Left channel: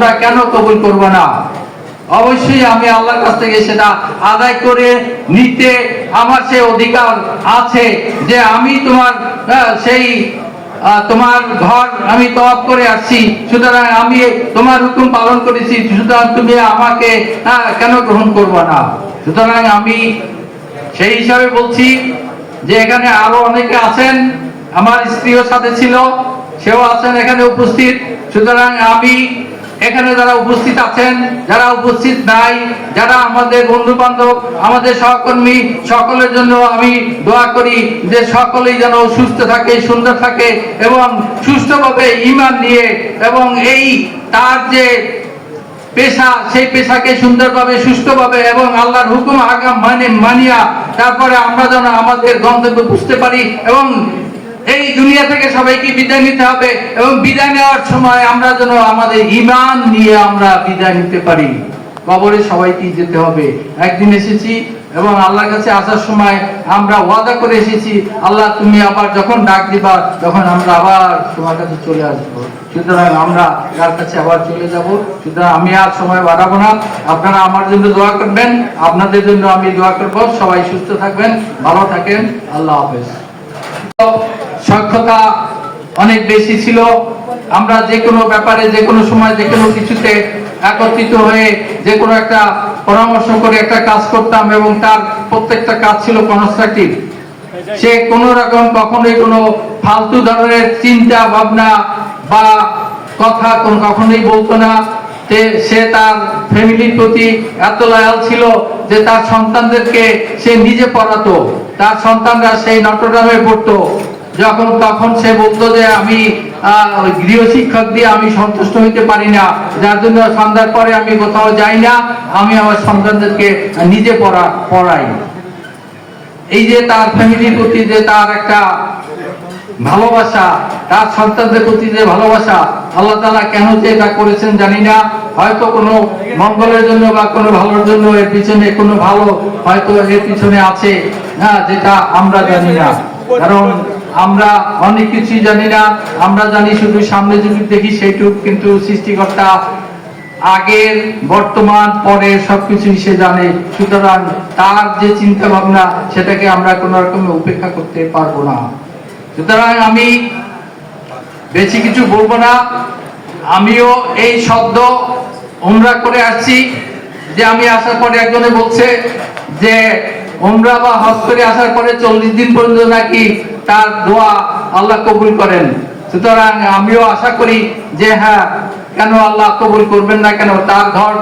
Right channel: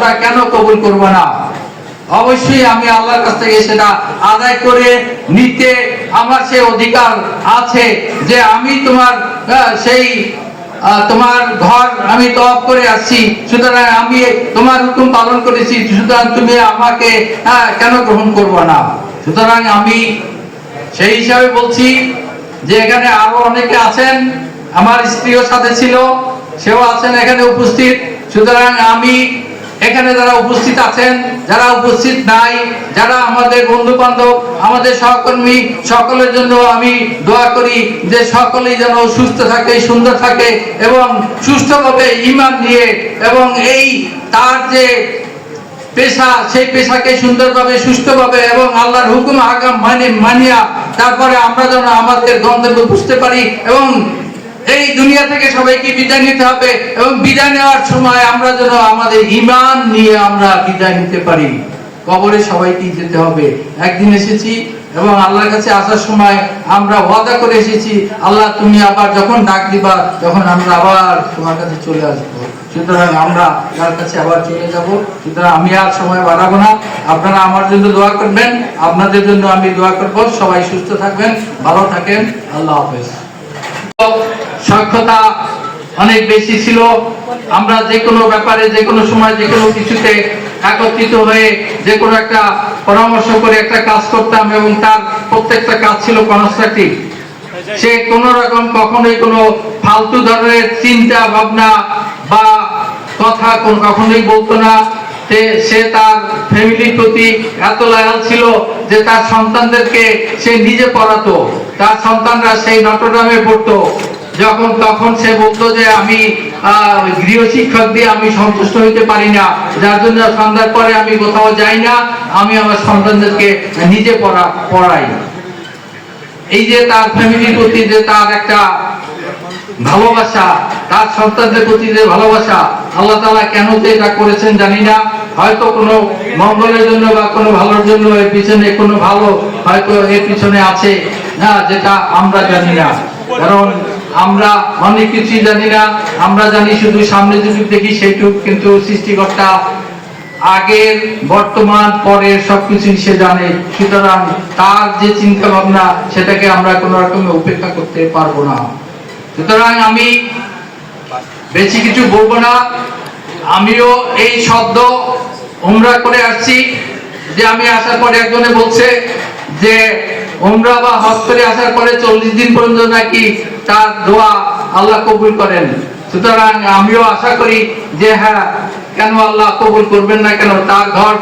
উমরা কেন কবুল করব না? অবশ্যই আমি আল্লাহর কাছ থেকে সেটা আদায় করে নিতে আমার সে অধিকার আছে যে আমি তোমার সেই তোমার ঘর আমি তওয়াফ করে আসছি, সুতরাং আমি তোমার হুকুম পালন করেছি, সুতরাং তুমি আমাকে কেন গ্রহণ করব না? সুতরাং আমি সেই হিসাবে বলছি যে এখানে আরো অনেকে আছেন, আমার স্ত্রীও সাথে ছিল, সেও আছেন এখানে উপস্থিত। সুতরাং আমি এখানে যারা উপস্থিত আছেন, যারা উপস্থিত নাই, যারা আমাদের বন্ধু বান্ধব, আমাদের সহকর্মী, সকলের জন্য আমি দোয়া করি যে সকলেই যেন সুস্থ থাকে, সুন্দর থাকে এবং সুস্থভাবে ঈমান নিয়ে এবং এই তার যে পেশা, সেই পেশাকে সুন্দরভাবে সুস্থভাবে এবং আল্লাহর হুকুম আগাম মানিয়া তারপরে আমরা যেন আমাদের গন্তব্য বুঝতে পারি এবং এই দুনিয়া থেকে সবাইকে বিদায় নিতে হবে এবং বিদায় নেওয়ার সময় আমরা যেন আমাদের ঈমান নিয়ে আমরা বিদায় নিতে পারি। কবরে সবাইকে যেতে হবে। একদিন এসেছি এবং আল্লাহর কাছে আসার সময় আমরা ওয়াদা করে এসেছি, আল্লাহ তুমি আবার যখন ডাক দিবা তখন আমরা আবার তোমার কাছে চলে আসবো। সুতরাং আমরা তার কাছে আবার চলে যাব। সুতরাং আমি আর সময় বাড়াবো না, আপনারা আমার জন্য দোয়া করবেন, আপনাদের জন্য আমি দোয়া করব। সবাই সুস্থ থাকবেন, ভালো থাকেন, আল্লাহ হাফেজ। সক্ষতা অনেক বেশি ছিল, আমরা যে কোনো ব্যাপারে যে কোনো সময় যে কোনো কিছুতে একত্রিত হয়ে যে কোনো একটা পরামর্শ করে একটা কাজ করতাম এবং তার প্রত্যেকটা কাজ ছিল কনস্ট্রাকটিভ। সে কোন রকম কখনোই কোনো ফালতু ধরনের চিন্তা ভাবনা বা কথা কখনোই বলতো না। সে তার ফ্যামিলির প্রতি এত লয়াল ছিল যে তার সন্তানদেরকে সে নিজে পড়াতো, তার সন্তানরা সেই নটরডামে পড়তো। তখন সে বলতো যে আমি গৃহ শিক্ষক দিয়ে আমি সন্তুষ্ট হইতে পারি না, যার জন্য সন্ধ্যার পরে আমি কোথাও যাই না, আমি আমার সন্তানদেরকে নিজে পড়াই। এই যে তার ফ্যামিলির প্রতি যে তার একটা ভালোবাসা, তার সন্তানদের প্রতি যে ভালোবাসা, আল্লাহ তাআলা কেন যে এটা করেছেন জানি না। হয়তো কোনো মঙ্গলের জন্য বা কোনো ভালোর জন্য এর পিছনে কোনো ভালো হয়তো এর পিছনে আছে, না, যেটা আমরা জানি না। কারণ আমরা অনেক কিছুই জানি না, আমরা জানি শুধু সামনে যদি দেখি সেইটুকু, কিন্তু সৃষ্টিকর্তা আগের, বর্তমান, পরের সবকিছুই সে জানে। সুতরাং তার যে চিন্তা ভাবনা সেটাকে আমরা কোন রকমে উপেক্ষা করতে পারবো না। সুতরাং আমি বেশি কিছু বলবো না। আমিও এই সদ্য উমরা করে আসছি, যে আমি আসার পরে একজনে বলছে যে উমরা বা হজ করে আসার পরে 40 দিন পর্যন্ত নাকি তার দোয়া আল্লাহ কবুল করেন। সুতরাং আমিও আশা করি যে হ্যাঁ, কেন আল্লাহ কবুল করবেন না, কেন তার ঘর